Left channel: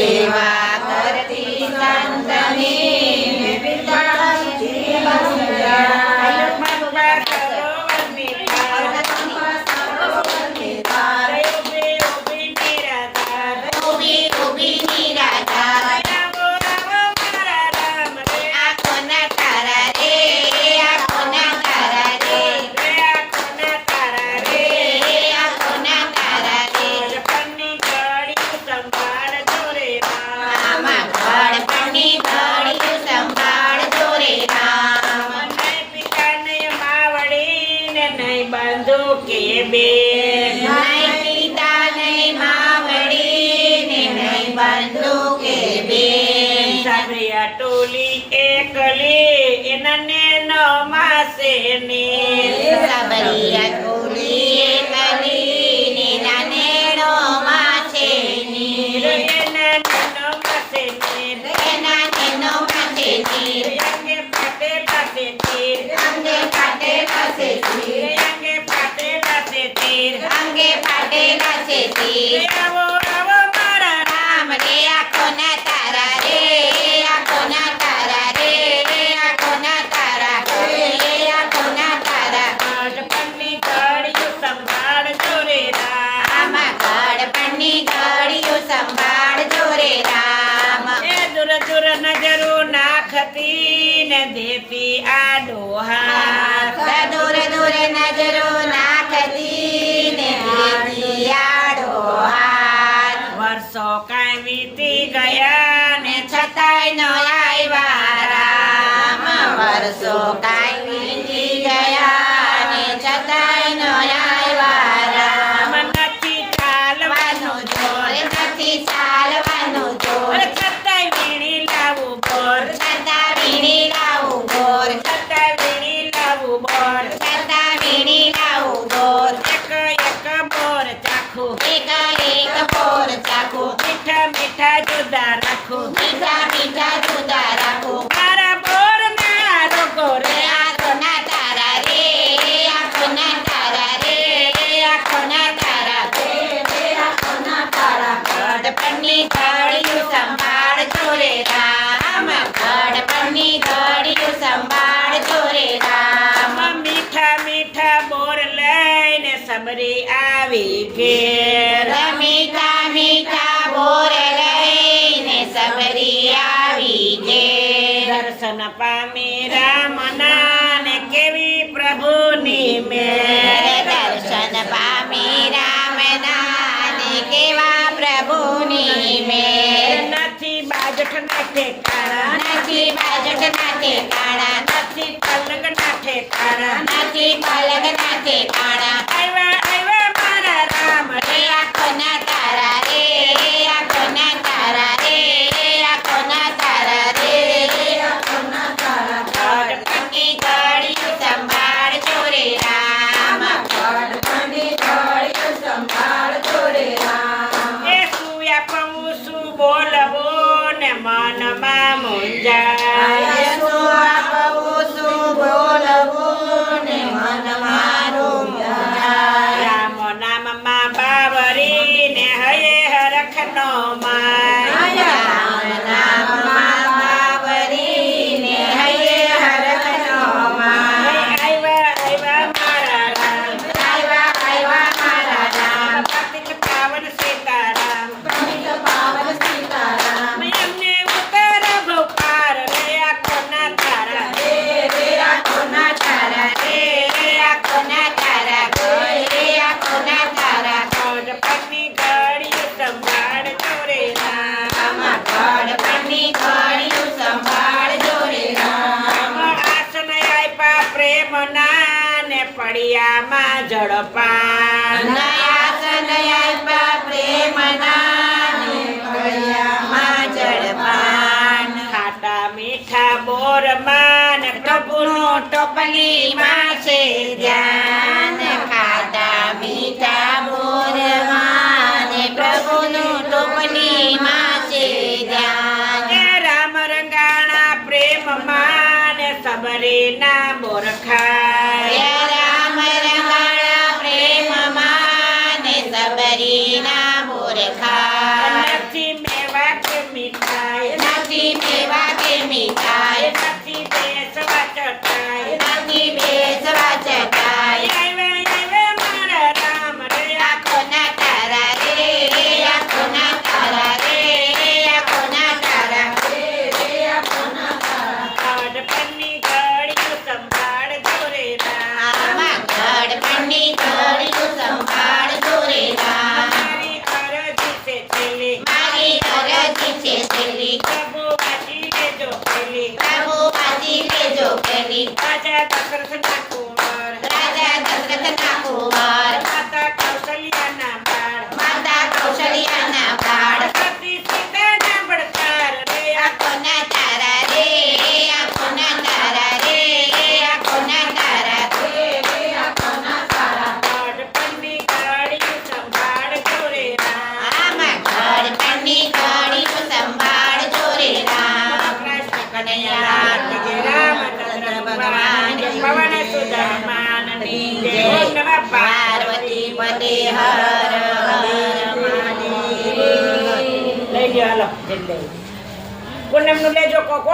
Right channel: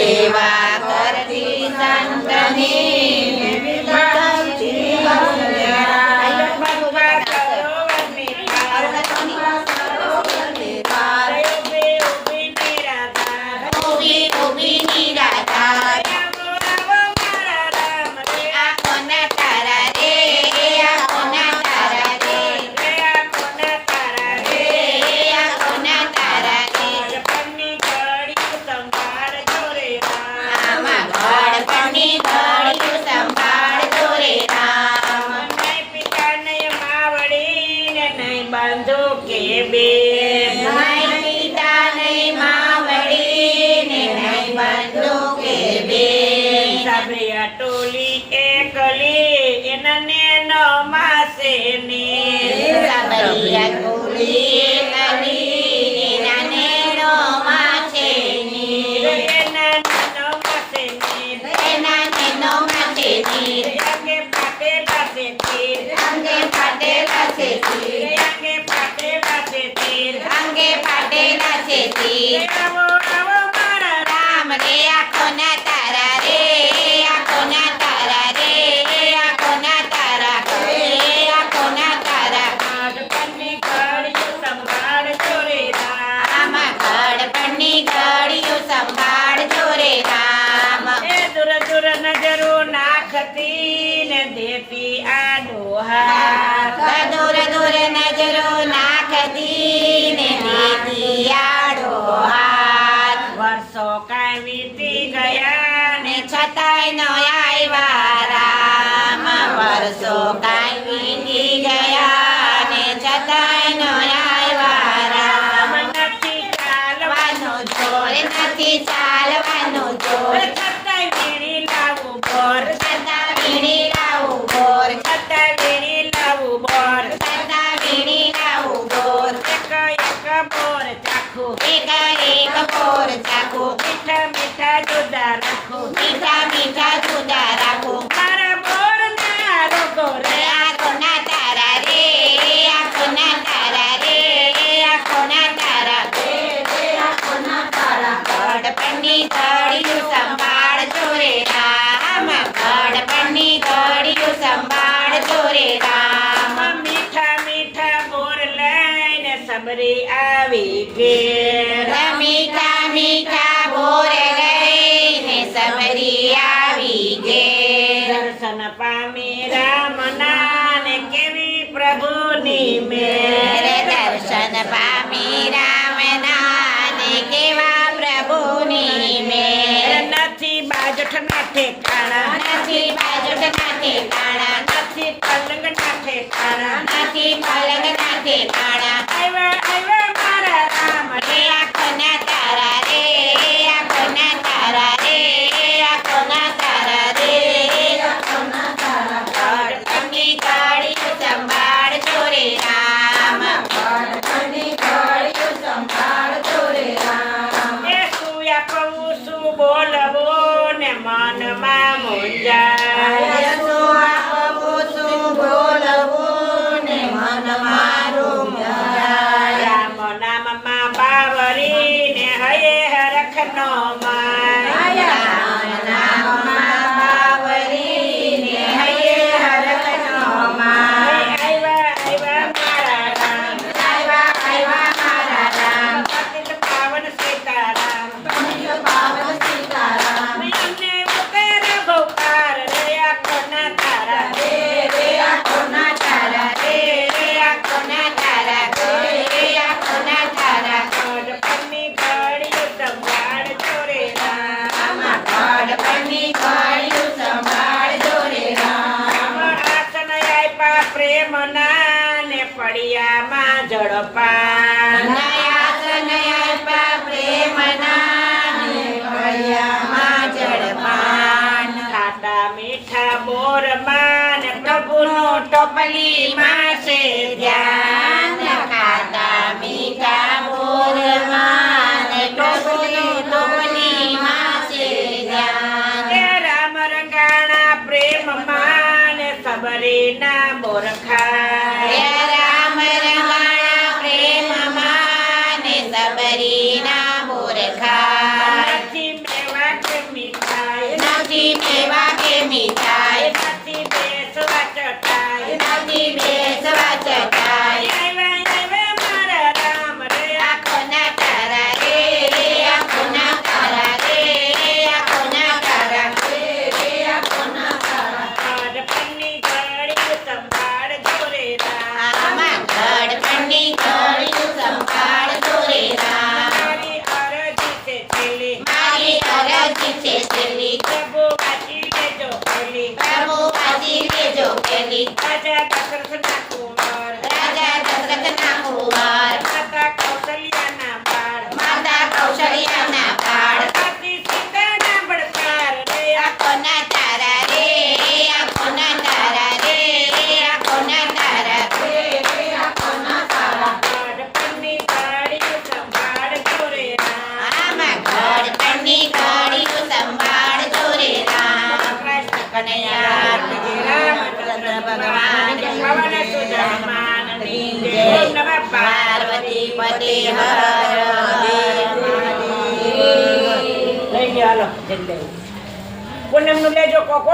เทวา બંધુ બે. નહીં પિતા ટોલી એકલી એને ન માસે ને. સાંભળ્યા ટોલી એકલી ને નાને નો માસે ને. એને ફાટેલા છે રામ રે આખો ના તારા રે આખો ના તારા રે આખો ના તારા રે આખો ના તારા આમાં ગળપણની સંભાળજો રે આ ડોહા. વર્ષો કાંઈ વીતી ગયા ને છતાંય નો આવ્યા રામ. નથી ચાલવાનો જોર નથી ચાલવાનો જોર. છતાંય વીણી લાવું બોર છતાં વીણી લાવું ગોર. છતાંય વીણી લાવું બોર છતાં વીણી લાવું ગોર. એક એક બોર ચાખું એક એક બોર ચાખું. મીઠા મીઠા જુદા રાખું. મીઠા મીઠા જુદા ગડપણની ઘડીયું સંભાળજો રે રામ ગડપણની ઘડીયું સંભાળજો રે રામ. મીઠા મીઠા બોર લઈને સમરી આવી મીઠા મીઠા નથી બાજટ નાથે કાણા નથી પાલક ના ઠેકાણા નથી પાલક નાથે કાણા ગળપણની ઘડીયું સંભાળજો રે રામ. આસન આપ્યા પ્રેમના ને પડિયામાં ઝડપા નયાસન આપ્યા પ્રેમના ને. ખાટા મીઠા બોરમાં ને પ્રભુનો ટોપલીમાં છે ધ્યાન સબરીના બોરખા હે રામ રમાણા પ્રેમમાં ને બોરખા નથી મેવા કે મીઠાઈ નથી મેવા કે મીઠાઈ નથી બેસવા ચટાઈ નથી બેસવા Carita, gracias, servicio. હનુમાનની જય. જય ઓમ નમઃ પાર્વતી પતે હર હર મહાદેવ. લઈ ગયા હાલો. જલ્દી પૂનમનું લેજો કોકો.